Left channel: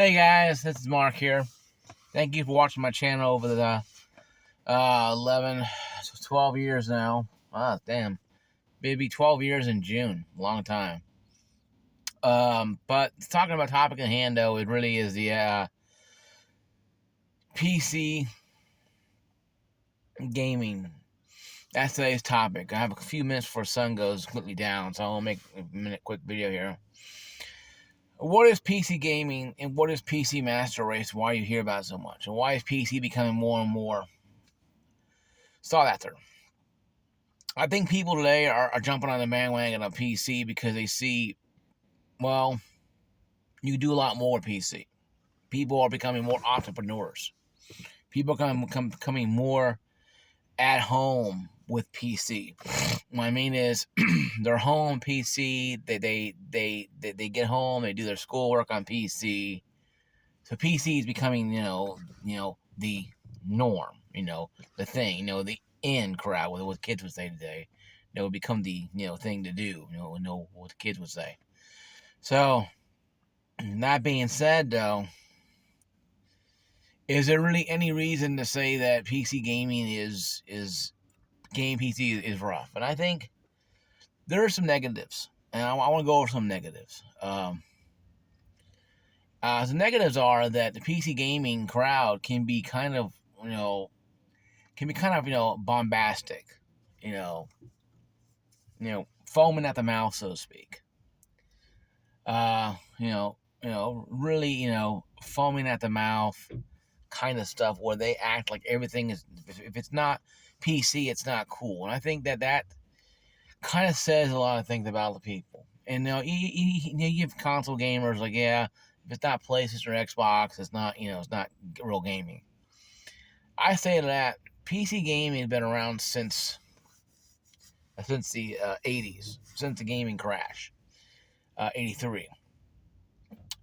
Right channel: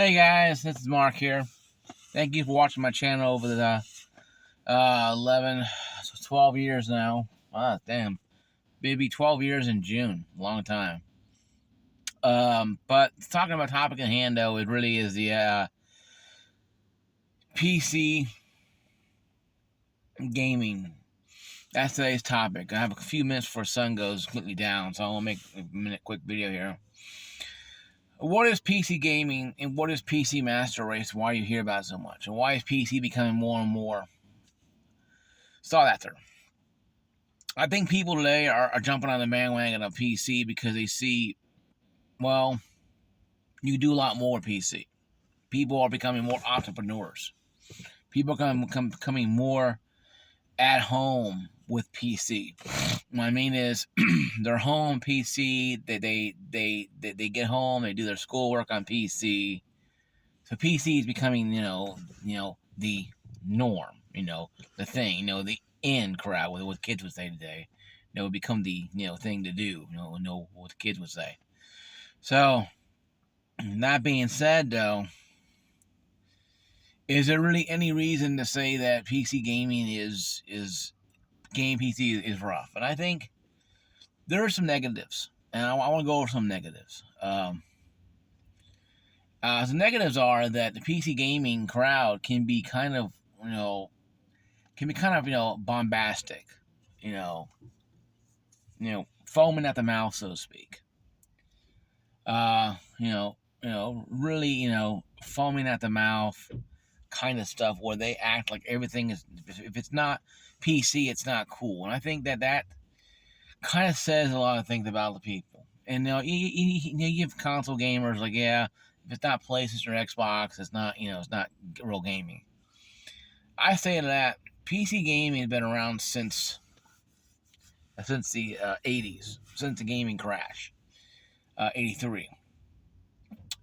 Hey guys, this is Mark here. Thank you for watching my channel over the 11, 12 years now. Damn. It'll be 12 years in June. Long time. But talking about topic at hand, though, it really is the PC gaming. That's today's topic. I have a few minutes before sun goes completely down, so I'll make a quick video here. What is PC gaming and what is PC Master Race? Why you hear about it so much? And why is PC becoming more and more sought after? I think people today are jumping on the bandwagon of PC because they see, well, you do a lot more with PC. People are becoming more entrepreneurs. People are becoming more at home with PC. What I mean is, they're home PC. They get home. They do their schoolwork on PC. So PC is becoming, the norm. The thing. The in crowd. What kids would say today. It would become the thing to do. What the kids would say. So, that being said, though, is there really any reason to say that PC gaming is PC is rough? And I think there are some negatives, and I want to go over some negatives. Some negatives are that the PC gaming crowd can be kind of bombastic, foaming at the mouth, so to speak. Really, foaming at the mouth kind of stuff where they act like everything is, if it's not PC, it's not cool. And I think that kind of says a lot of things about the people. And you have console gamers like, yeah, if it's not PlayStation or Xbox, it's not real gaming. I say that PC gaming has been around since the 80s, since the gaming crash, 83.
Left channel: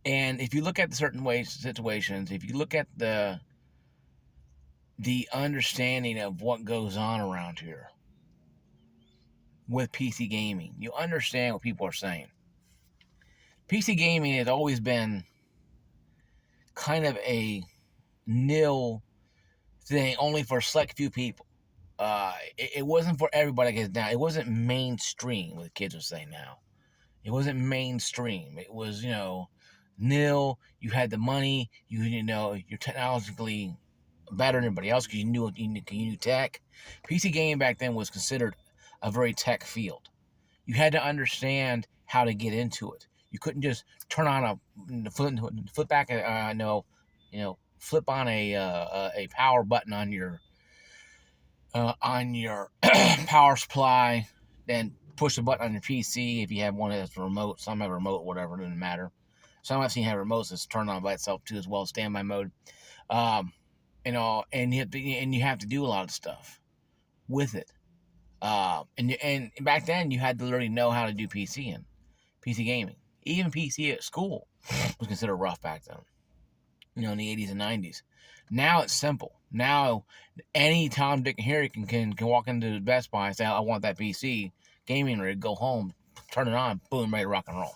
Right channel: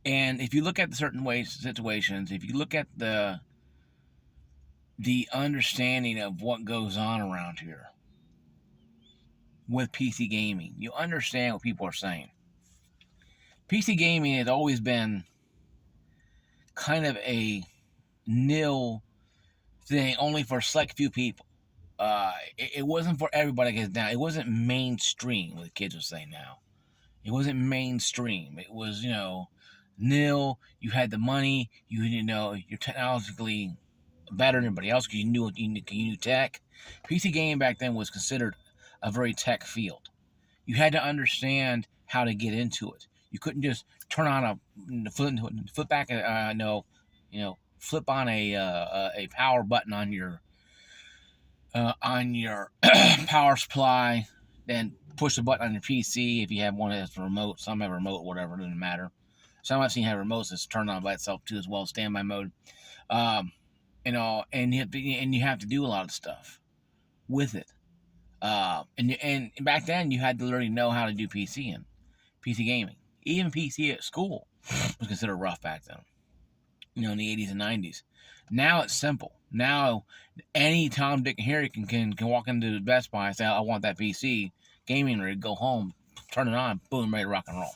And if you look at the certain situations, if you look at the understanding of what goes on around here with PC gaming, you understand what people are saying. PC gaming has always been kind of a nil thing, only for a select few people. It wasn't for everybody. I guess now it wasn't mainstream. What the kids are saying now, it wasn't mainstream. It was nil. You had the money. You're technologically better than everybody else because you knew tech. PC gaming back then was considered a very tech field. You had to understand how to get into it. You couldn't just turn on flip on a power button on your power supply, then push the button on your PC if you have one that's remote. Some have remote, whatever, it doesn't matter. Some I've seen have remotes that's turned on by itself too, as well as standby mode. And you have to do a lot of stuff with it. And back then you had to literally know how to do PC and PC gaming. Even PC at school was considered rough back then. In the 80s and 90s. Now it's simple. Now any Tom, Dick, and Harry can walk into the Best Buy and say, I want that PC gaming rig, go home, turn it on, boom, ready to rock and roll.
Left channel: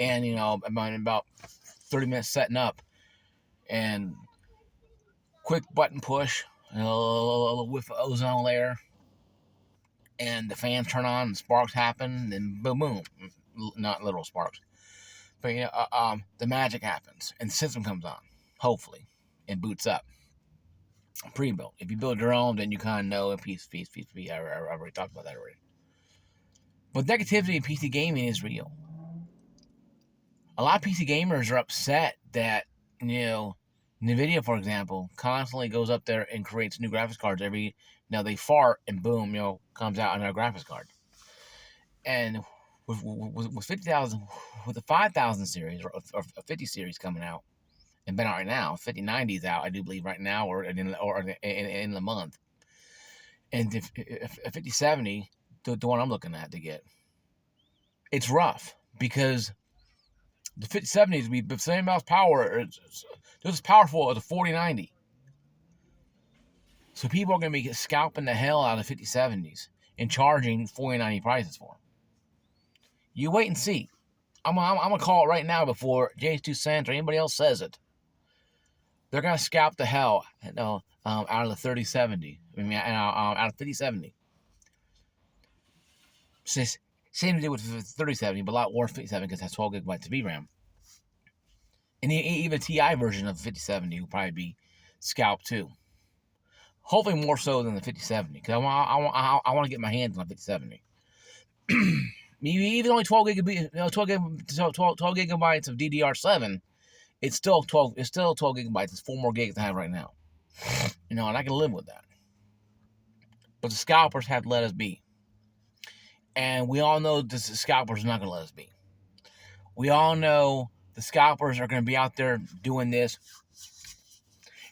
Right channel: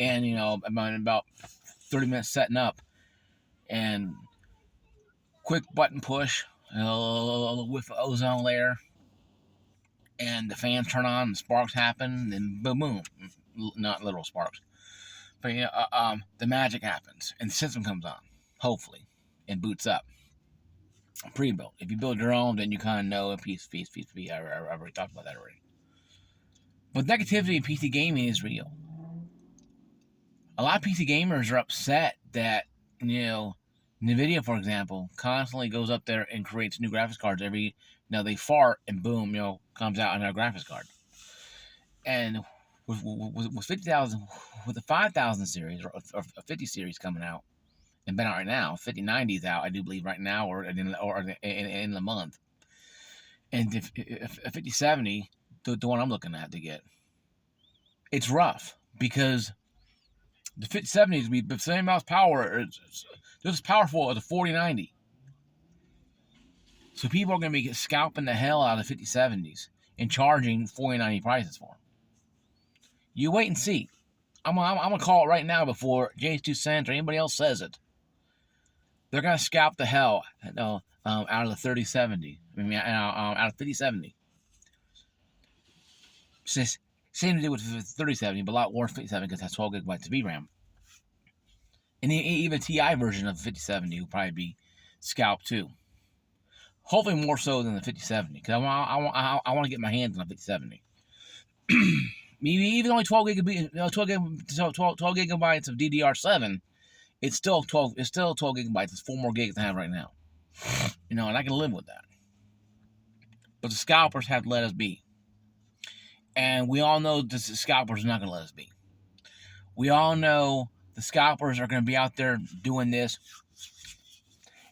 And about 30 minutes setting up and quick button push, a little whiff of ozone layer, and the fans turn on and sparks happen, and boom, boom. Not literal sparks. But the magic happens and the system comes on, hopefully, and boots up. Pre-built. If you build your own, then you kind of know a piece. I already talked about that already. But negativity in PC gaming is real. A lot of PC gamers are upset that NVIDIA, for example, constantly goes up there and creates new graphics cards they fart and boom, comes out on their graphics card. And with 50,000, with the 5,000 series or 50 series coming out, and been out right now, 5090 is out, I do believe, right now, or in the month. And if 5070, the one I'm looking at to get, it's rough because the 5070s will be the same amount of power. It's just as powerful as a 4090. So people are going to be scalping the hell out of 5070s and charging 4090 prices for them. You wait and see. I'm gonna call it right now before Jay's 2 cents or anybody else says it. They're gonna scalp the hell out of the 3070. I mean, out of 5070. Same to do with 3070, but a lot worse 5070 because it has 12 gigabytes of VRAM. And even TI version of the 5070 will probably be scalped too. Hopefully more so than the 5070 because I want to get my hands on the 5070. Maybe even only 12 gigabytes of DDR7. It's still 12 gigabytes. It's 4 more gigs than I have right now. And I can live with that. But the scalpers have to let us be. And we all know the scalpers are not going to let us be. We all know the scalpers are going to be out there doing this.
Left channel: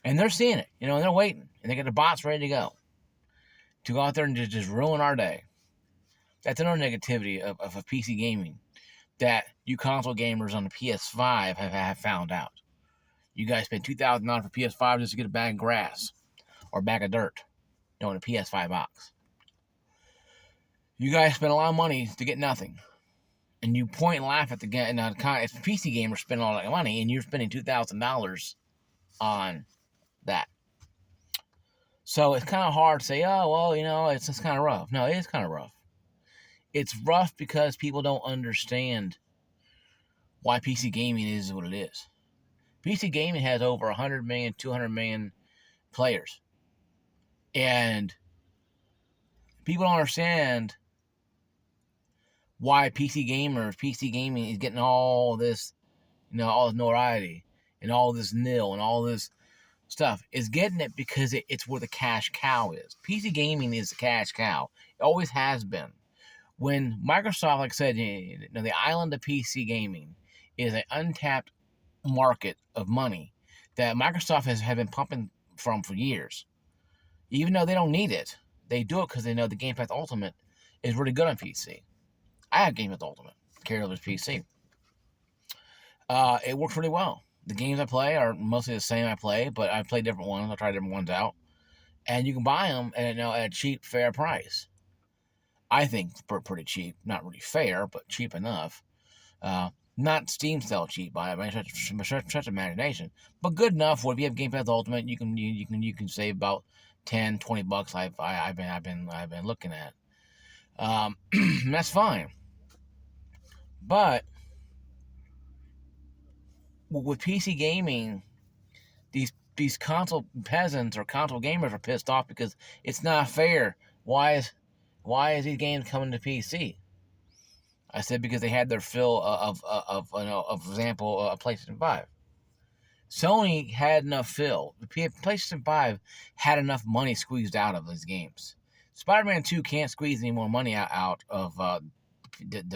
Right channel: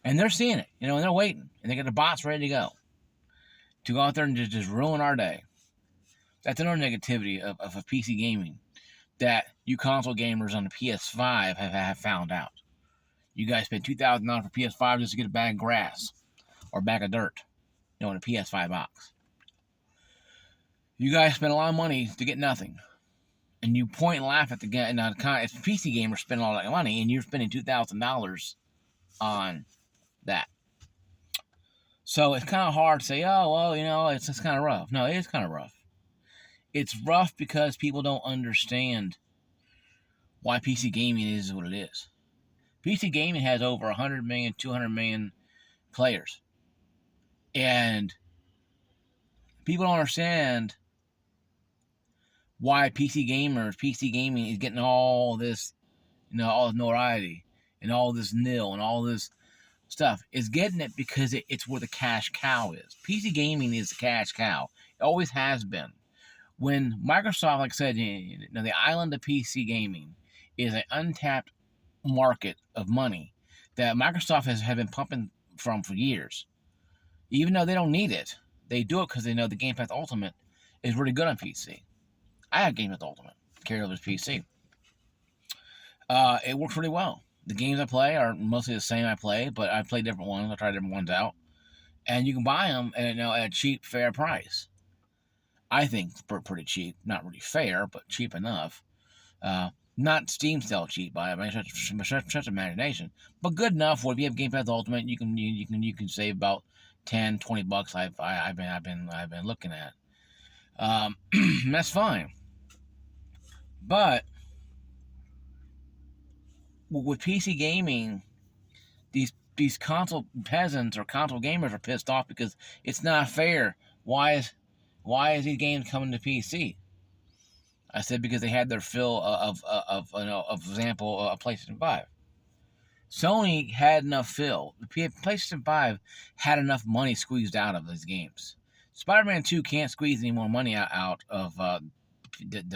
And they're seeing it. And they're waiting. And they got the bots ready to go. To go out there and just ruin our day. That's another negativity of PC gaming that you console gamers on the PS5 have found out. You guys spend $2,000 for PS5 just to get a bag of grass or a bag of dirt, in a PS5 box. You guys spend a lot of money to get nothing, and you point and laugh at the guy. Now, if PC gamers spend all that money, and you're spending $2,000 on that, so it's kind of hard to say, oh well, it's just kind of rough. No, it is kind of rough. It's rough because people don't understand why PC gaming is what it is. PC gaming has over 100 million, 200 million players. And people don't understand why PC gaming is getting all this, all this notoriety and all this nil and all this stuff. It's getting it because it's where the cash cow is. PC gaming is the cash cow. It always has been. When Microsoft, like I said, the island of PC gaming is an untapped market of money that Microsoft has been pumping from for years. Even though they don't need it, they do it because they know the Game Pass Ultimate is really good on PC. I have Game Pass Ultimate, carried over to PC. It works really well. The games I play are mostly the same I play, but I play different ones. I try different ones out. And you can buy them at a cheap, fair price. I think pretty cheap. Not really fair, but cheap enough. Not Steam sale cheap by such imagination, but good enough where if you have Game Pass Ultimate, you can save about $10-$20. I've been looking at. That's fine. But with PC gaming, these console peasants or console gamers are pissed off because it's not fair. Why is these games coming to PC? I said because they had their fill of example, a PlayStation 5. Sony had enough fill. The PlayStation 5 had enough money squeezed out of these games. Spider-Man 2 can't squeeze any more money out of the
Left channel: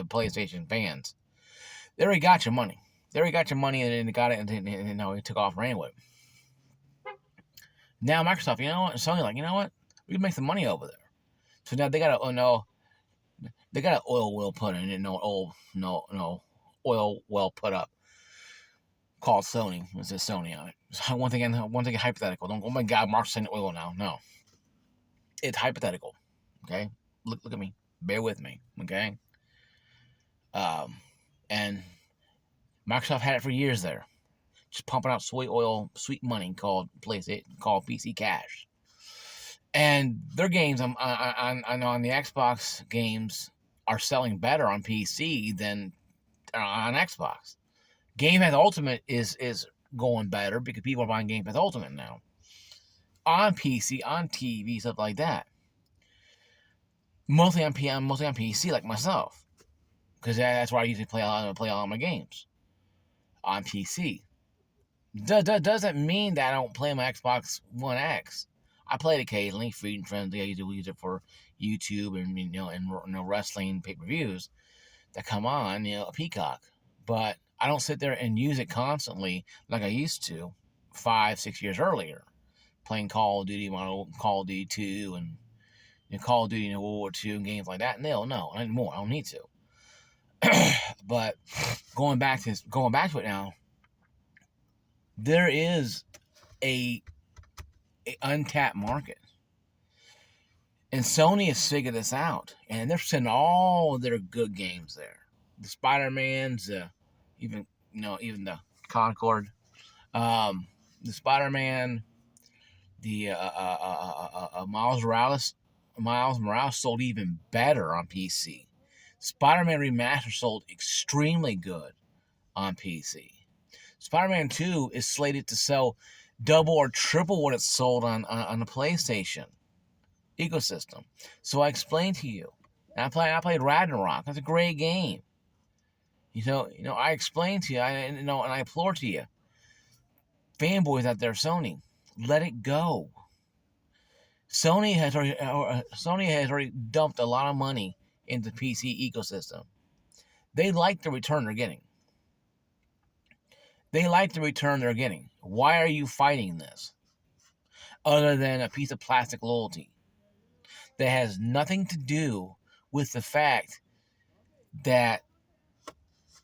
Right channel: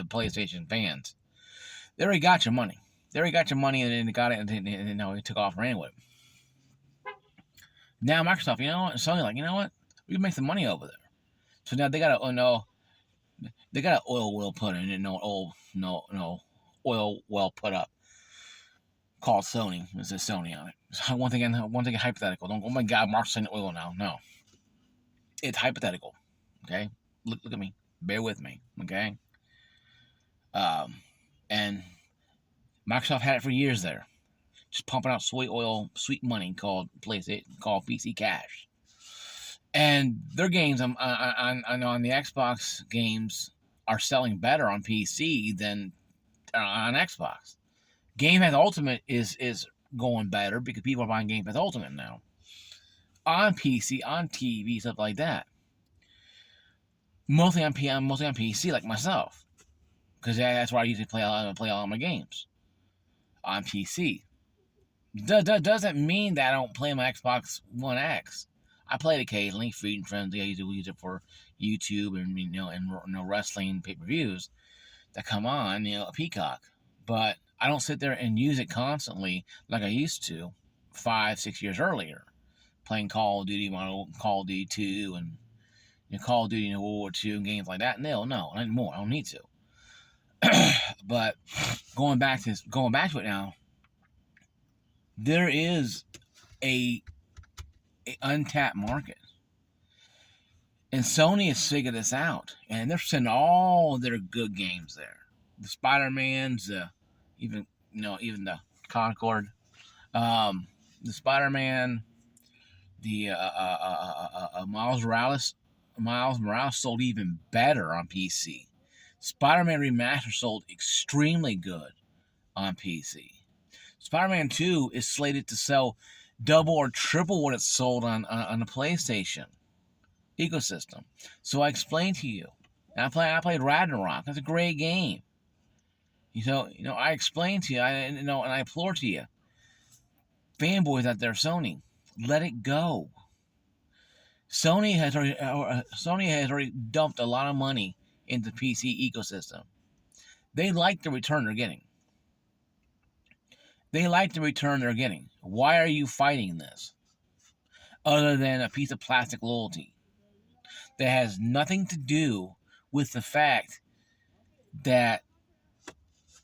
PlayStation fans. They already got your money. And they got it, and it took off anyway. Now Microsoft, Sony, we can make some money over there. So now they got an oil well put in it, oil well put up called Sony. It says Sony on it. So one thing hypothetical. Don't, oh my God, Mark's saying oil now. No, it's hypothetical. Okay, look at me. Bear with me. Okay. And Microsoft had it for years there, just pumping out sweet money called PC Cash. And their games on the Xbox games are selling better on PC than on Xbox. Game Pass Ultimate is going better because people are buying Game Pass Ultimate now. On PC, on TV, stuff like that. Mostly on PC, like myself, because that's where I usually play all my games on PC. Doesn't mean that I don't play my Xbox One X. I play it occasionally, Feed and Frenzy. I usually use it for YouTube and wrestling pay-per-views that come on, a Peacock. But I don't sit there and use it constantly like I used to 5-6 years earlier, playing Call of Duty, Call of Duty 2, and Call of Duty World War II and games like that. No, not anymore. I don't need to. But going back to it now, there is a untapped market. And Sony has figured this out, and they're sending all their good games there. the Spider-Mans, even the Concord, um, the Spider-Man, the Miles Morales sold even better on PC. Spider-Man Remastered sold extremely good on PC. Spider-Man 2 is slated to sell double or triple what it sold on the PlayStation ecosystem. So I explained to you. And I played Ragnarok. That's a great game. I explained to you, and I implore to you, fanboys out there, Sony, let it go. Sony has already dumped a lot of money into the PC ecosystem. They like the return they're getting. Why are you fighting this? Other than a piece of plastic loyalty that has nothing to do with the fact that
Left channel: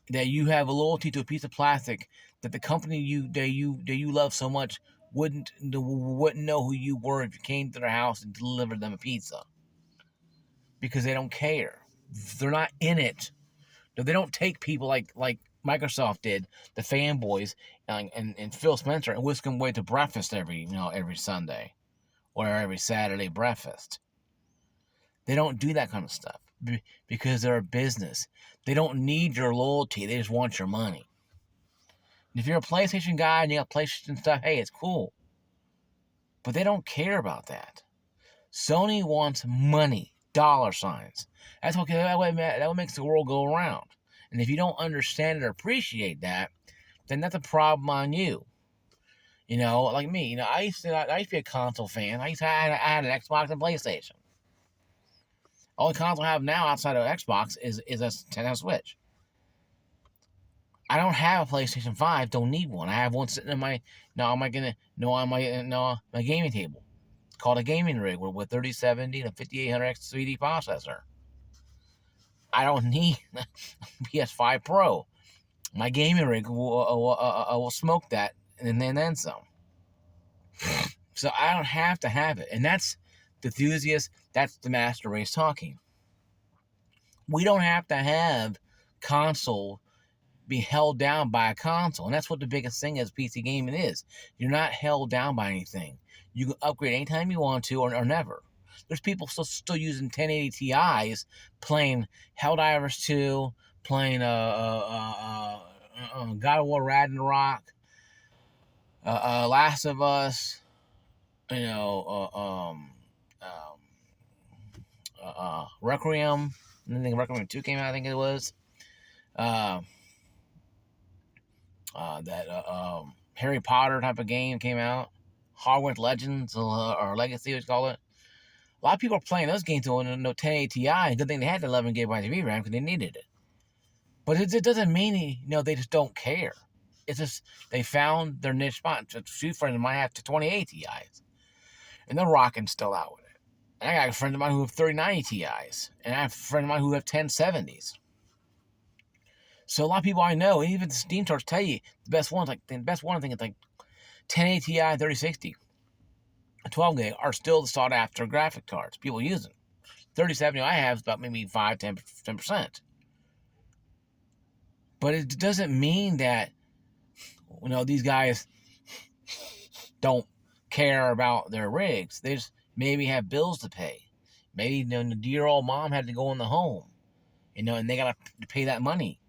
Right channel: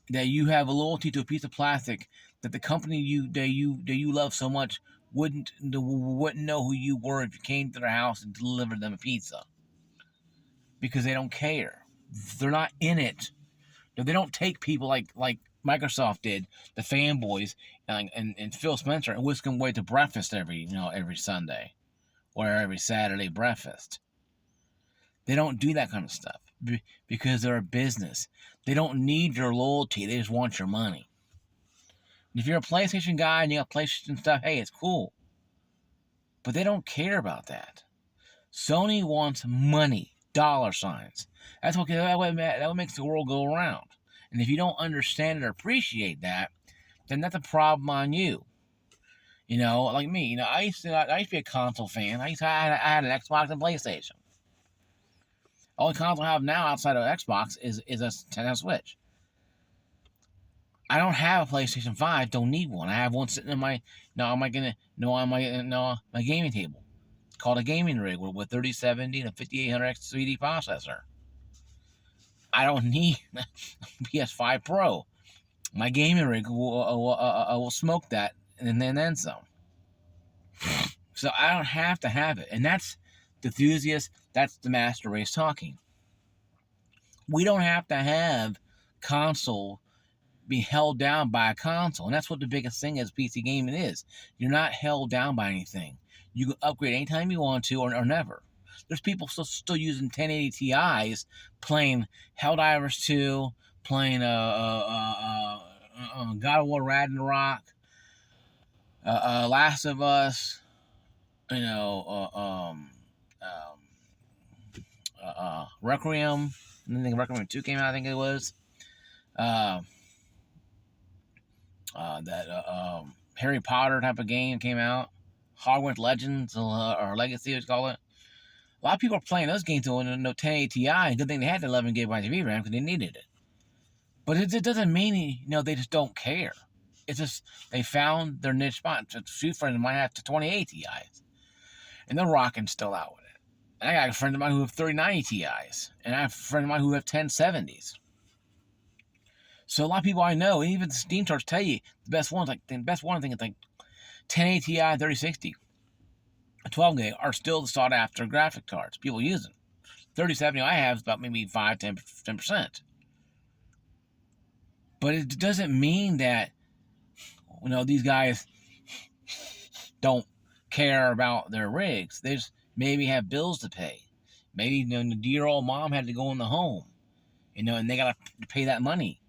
you have a loyalty to a piece of plastic that the company you love so much wouldn't know who you were if you came to their house and delivered them a pizza, because they don't care. They're not in it. They don't take people like Microsoft did, the fanboys, and Phil Spencer, and whisk them away to breakfast every Sunday or every Saturday breakfast. They don't do that kind of stuff because they're a business. They don't need your loyalty. They just want your money. And if you're a PlayStation guy and you got PlayStation stuff, hey, it's cool. But they don't care about that. Sony wants money, dollar signs. That's okay. That what makes the world go around. And if you don't understand or appreciate that, then that's a problem on you. Like me. I used to be a console fan. I had an Xbox and PlayStation. Only console I have now outside of Xbox is a Nintendo Switch. I don't have a PlayStation 5. Don't need one. I have one sitting in my my gaming table. It's called a gaming rig with 3070 and a 5800X 3D processor. I don't need PS5 Pro. My gaming rig will smoke that and then some. So I don't have to have it. And that's the enthusiast. That's the master race talking. We don't have to have console be held down by a console. And that's what the biggest thing is PC gaming is. You're not held down by anything. You can upgrade anytime you want to or never. There's people still using 1080 Ti's playing Helldivers 2, playing God of War Ragnarok, Last of Us, Requiem. I think Requiem 2 came out, I think it was. Harry Potter type of game came out. Hogwarts Legends, or Legacy, what you call it. A lot of people are playing those games on no 1080 Ti, and good thing they had the 11 gigabytes of VRAM because they needed it. But it doesn't mean, they just don't care. It's just they found their niche spot. A few friends of mine have to 2080 Ti's, and they're rocking still out with it. And I got a friend of mine who have 3090 Ti's, and I have a friend of mine who have 1070s. So a lot of people I know, even the Steam charts tell you the best ones, I think it's like 1080 Ti, 3060, 12 gig are still the sought after graphic cards people using. 3070 I have is about maybe 5-10%. But it doesn't mean that these guys don't care about their rigs. They just maybe have bills to pay. Maybe the dear old mom had to go in the home, and they got to pay that money.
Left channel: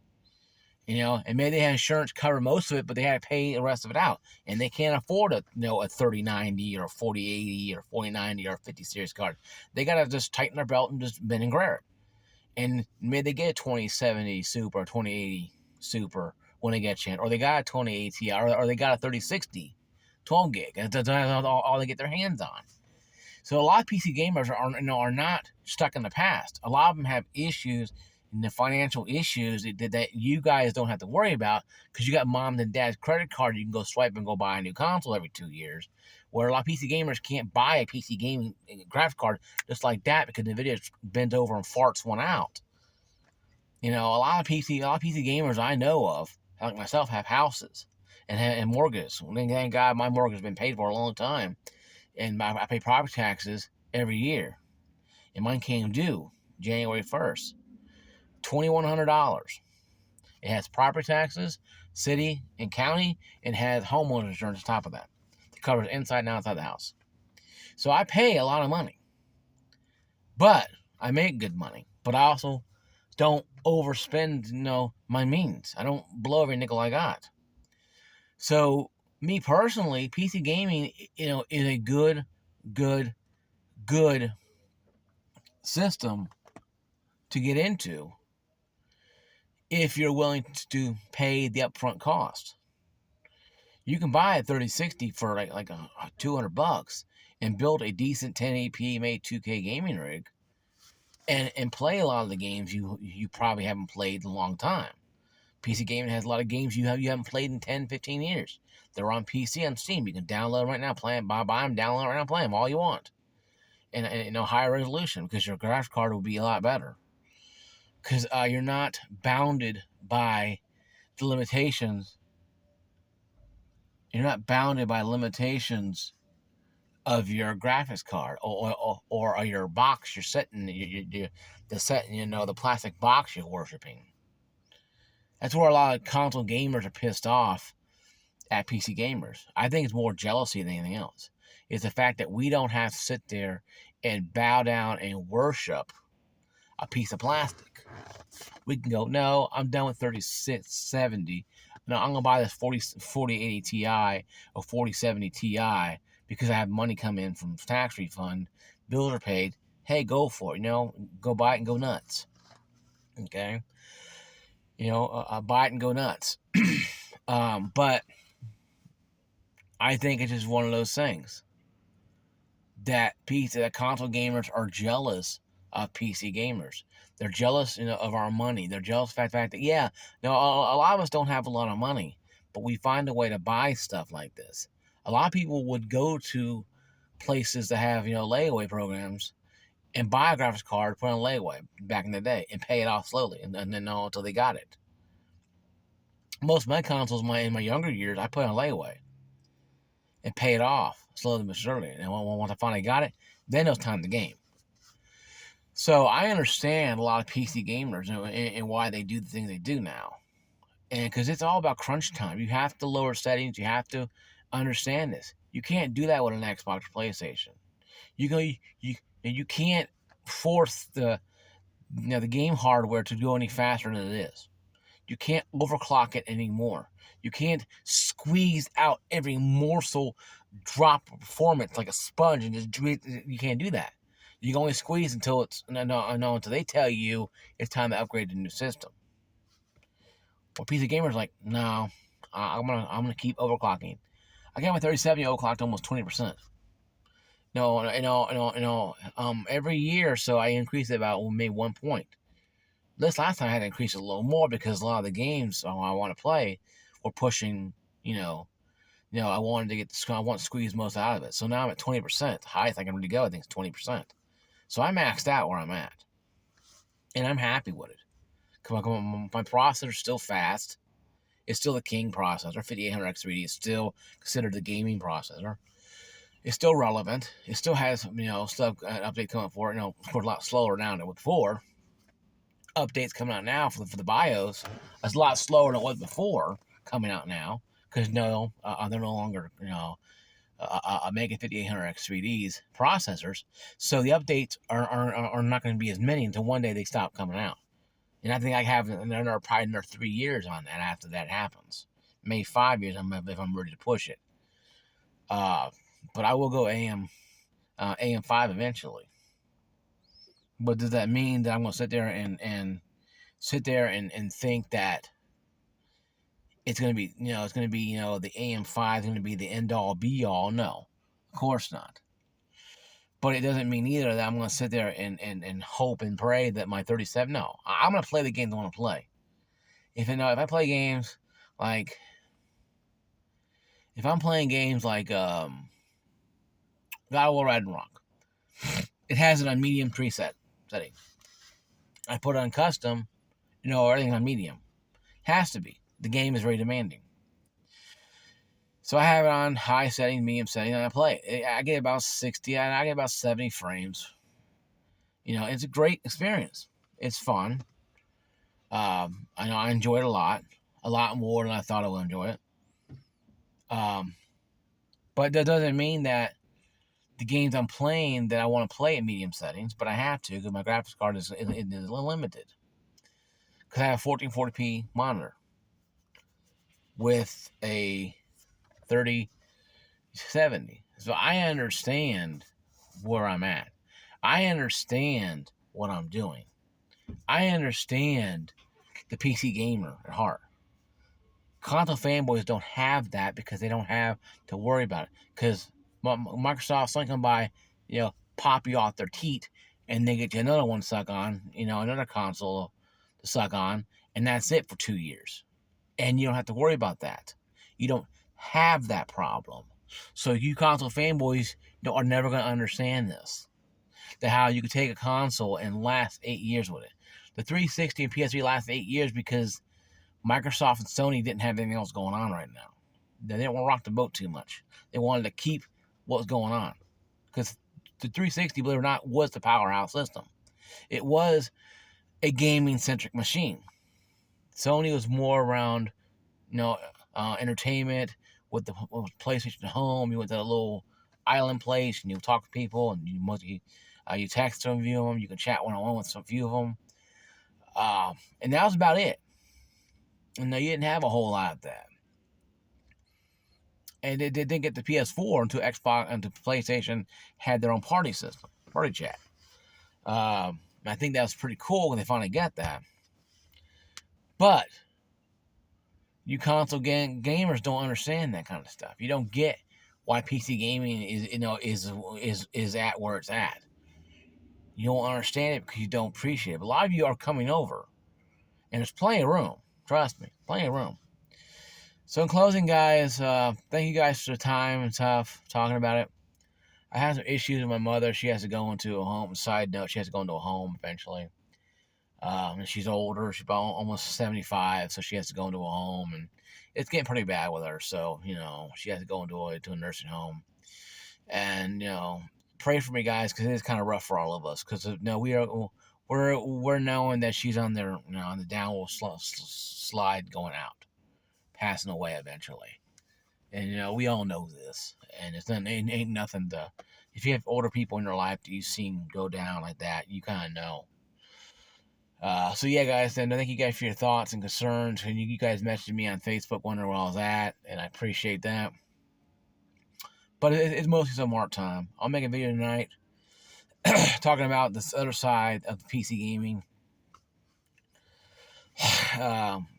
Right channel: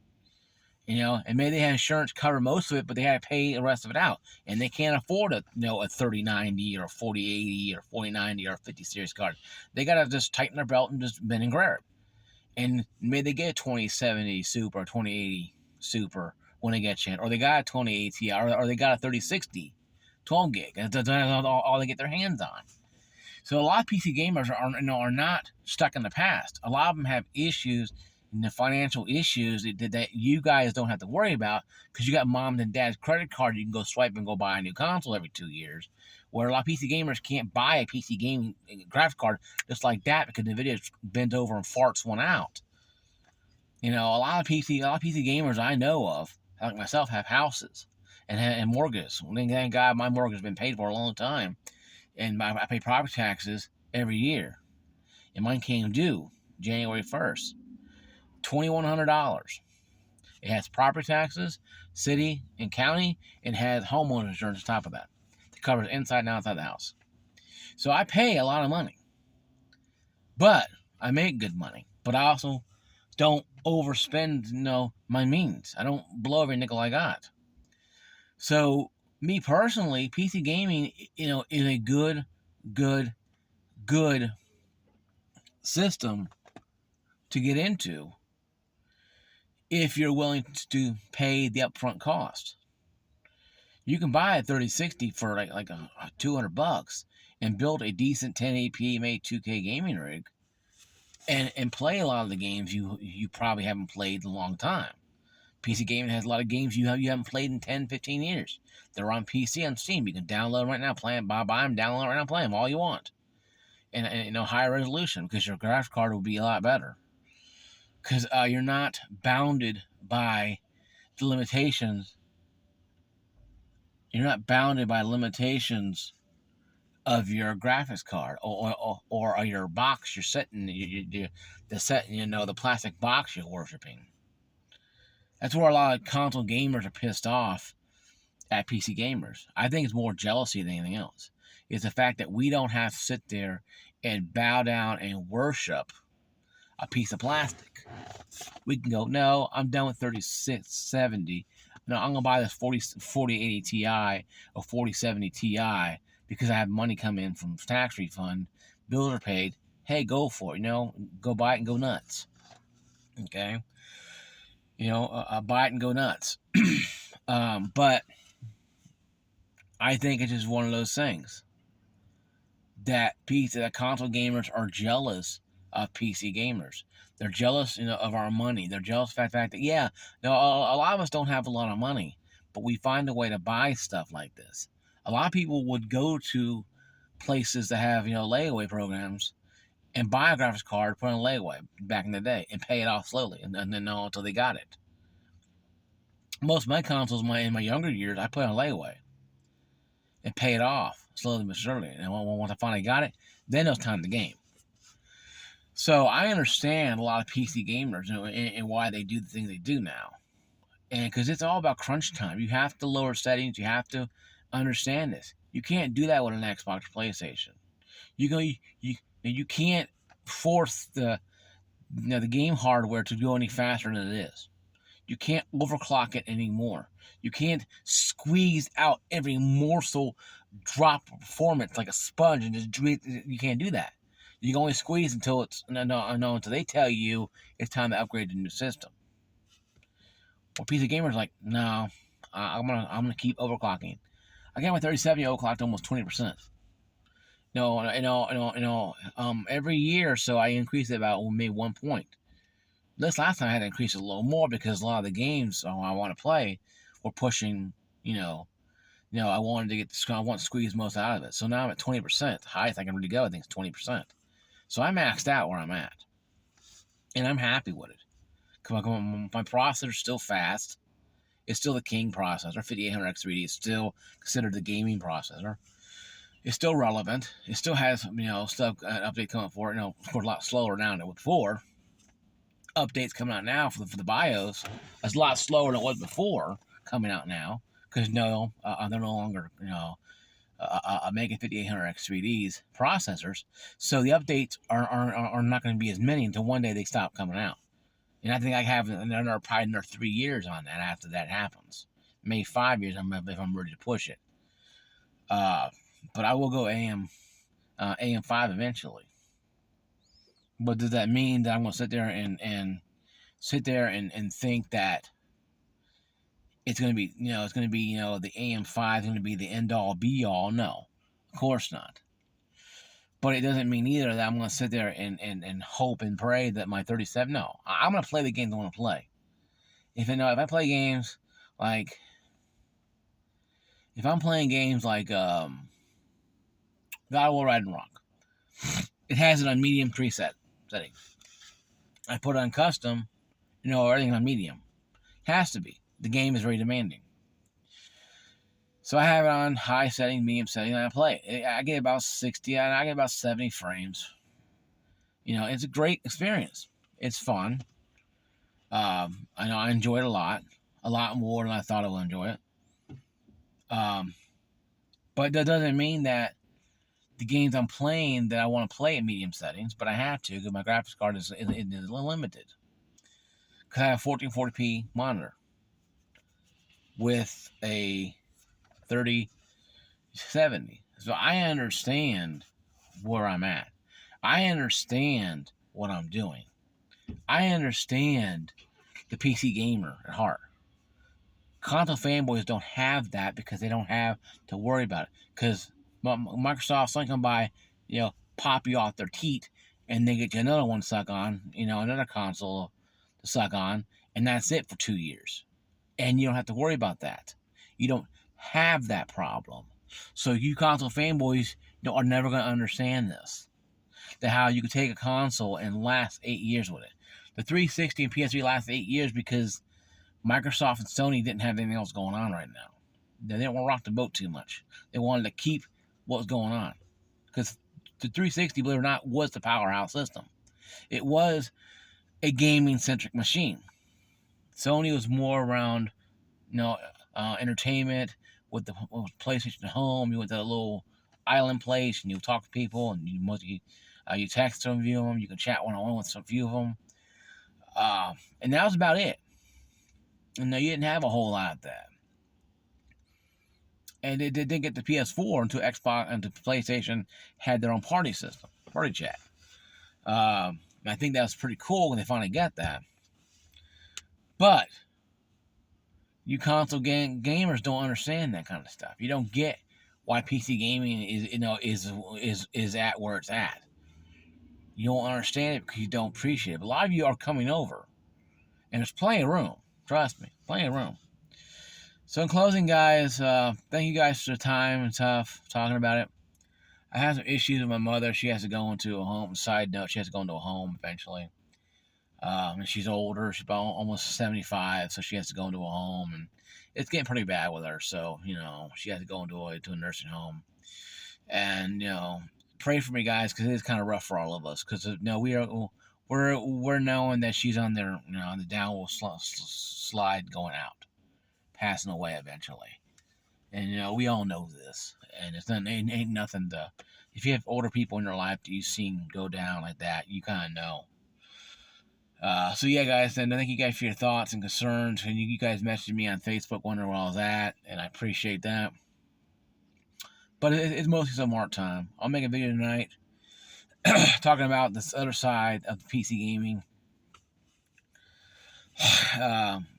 And maybe they had insurance cover most of it, but they had to pay the rest of it out. And they can't afford a 3090 or a 4080 or 4090 or a 50 series card. They got to just tighten their belt and just bend and grab it. And maybe they get a 2070 Super or 2080 Super when they get a chance. Or they got a 2080 Ti, or they got a 3060 12 gig. And that's all they get their hands on. So a lot of PC gamers are not stuck in the past. A lot of them have issues, and the financial issues that you guys don't have to worry about because you got mom and dad's credit card. You can go swipe and go buy a new console every 2 years. Where a lot of PC gamers can't buy a PC gaming graphics card just like that because NVIDIA bends over and farts one out. A lot of PC gamers I know of, like myself, have houses and mortgages. Thank God my mortgage has been paid for a long time, and I pay property taxes every year, and mine came due January 1st. $2,100. It has property taxes, city and county, and has homeowner insurance on top of that. It covers inside and outside the house. So I pay a lot of money, but I make good money. But I also don't overspend, my means. I don't blow every nickel I got. So me personally, PC gaming, is a good, good, good system to get into if you're willing to pay the upfront cost. You can buy a 3060 for like $200 and build a decent 1080p made 2K gaming rig and play a lot of the games you probably haven't played in a long time. PC gaming has a lot of games you haven't played in 10, 15 years. They're on PC on Steam. You can download them right now, play them, buy them, download them right now, play them all you want. And higher resolution because your graphics card will be a lot better. Because you're not bounded by the limitations. You're not bounded by limitations of your graphics card or your box you're setting, the plastic box you're worshiping. That's where a lot of console gamers are pissed off at PC gamers. I think it's more jealousy than anything else. It's the fact that we don't have to sit there and bow down and worship a piece of plastic. We can go, no, I'm done with 3670. No, I'm going to buy this 4080 Ti or 4070 Ti because I have money come in from tax refund. Bills are paid. Hey, go for it. Go buy it and go nuts. Okay? Buy it and go nuts. But I think it's just one of those things that console gamers are jealous of PC gamers. They're jealous, of our money. They're jealous of the fact that, a lot of us don't have a lot of money, but we find a way to buy stuff like this. A lot of people would go to places that have, layaway programs and buy a graphics card, put on layaway back in the day, and pay it off slowly, and then until they got it. Most of my consoles, in my younger years, I put on layaway and pay it off slowly but surely. And once I finally got it, then it was time to game. So I understand a lot of PC gamers and why they do the things they do now. And because it's all about crunch time. You have to lower settings. You have to understand this. You can't do that with an Xbox or PlayStation. You can't force the game hardware to go any faster than it is. You can't overclock it anymore. You can't squeeze out every morsel drop of performance like a sponge and just you can't do that. You can only squeeze until until they tell you it's time to upgrade to the new system. Well, PC gamers like, no, I'm gonna keep overclocking. I got my 3070 overclocked almost 20%. Every year or so I increase it about maybe 1 point. This last time I had to increase it a little more because a lot of the games I want to play were pushing, I want to squeeze most out of it. So now I'm at 20%. The highest I can really go, I think, is 20%. So I maxed out where I'm at. And I'm happy with it. My processor's still fast. It's still the king processor. 5800X3D is still considered the gaming processor. It's still relevant. It still has, stuff, an update coming for it. Of course, a lot slower now than it was before. Updates coming out now for the BIOS. It's a lot slower than it was before coming out now. Because, they're no longer, making 5800X3Ds processors. So the updates are not going to be as many until one day they stop coming out. And I think I have probably another 3 years on that after that happens. Maybe 5 years if I'm ready to push it. But I will go AM5 eventually. But does that mean that I'm going to sit there and think that it's going to be, the AM5 is going to be the end all be all? No, of course not. But it doesn't mean either that I'm going to sit there and hope and pray that my 37. No, I'm going to play the games I want to play. If I play games like, if I'm playing games like God of War Ragnarok, it has it on medium preset setting. I put it on custom, everything's on medium. Has to be. The game is very demanding. So I have it on high setting, medium setting, and I play it. I get about 60, I get about 70 frames. It's a great experience. It's fun. I know I enjoy it a lot more than I thought I would enjoy it. Um, but that doesn't mean that the games I'm playing that I want to play in medium settings, but I have to because my graphics card is limited. Because I have a 1440p monitor with a 3070. So I understand where I'm at. I understand what I'm doing. I understand the PC gamer at heart. Console fanboys don't have that because they don't have to worry about it. Because Microsoft's not going to buy, pop you off their teat and they get you another one to suck on, another console to suck on, and that's it for 2 years. And you don't have to worry about that. You don't have that problem. So you console fanboys are never going to understand this. That how you could take a console and last 8 years with it. The 360 and PS3 last 8 years because Microsoft and Sony didn't have anything else going on right now. They didn't want to rock the boat too much. They wanted to keep what was going on. Because the 360, believe it or not, was the powerhouse system. It was a gaming-centric machine. Sony was more around, entertainment with the PlayStation Home. You went to a little island place and you talk to people and you text some few of them. You can chat one-on-one with some few of them. And that was about it. And you didn't have a whole lot of that. And they didn't get the PS4 until Xbox and PlayStation had their own party system, party chat. I think that was pretty cool when they finally got that. But you console gamers don't understand that kind of stuff. You don't get why PC gaming is at where it's at. You don't understand it because you don't appreciate it. But a lot of you are coming over, and there's plenty of room. Trust me, plenty of room. So in closing, guys, thank you guys for the time and stuff talking about it. I have some issues with my mother. She has to go into a home. Side note, she has to go into a home eventually. And she's older. She's about almost 75, so she has to go into a home, and it's getting pretty bad with her. So she has to go into a nursing home, and pray for me, guys, because it is kind of rough for all of us. Because we're knowing that she's on there, on the downward slide going out, passing away eventually. And we all know this, and ain't nothing to. If you have older people in your life that you've seen go down like that, you kind of know. So yeah, guys, and thank you guys for your thoughts and concerns. And you guys messaged me on Facebook wondering where I was at, and I appreciate that. But it's mostly some art time. I'll make a video tonight talking about this other side of the PC gaming.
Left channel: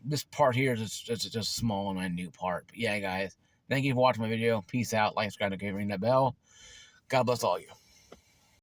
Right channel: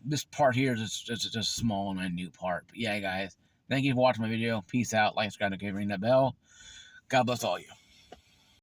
This part here is just a small and minute part. But yeah, guys, thank you for watching my video. Peace out. Like, subscribe, and ring that bell. God bless all you.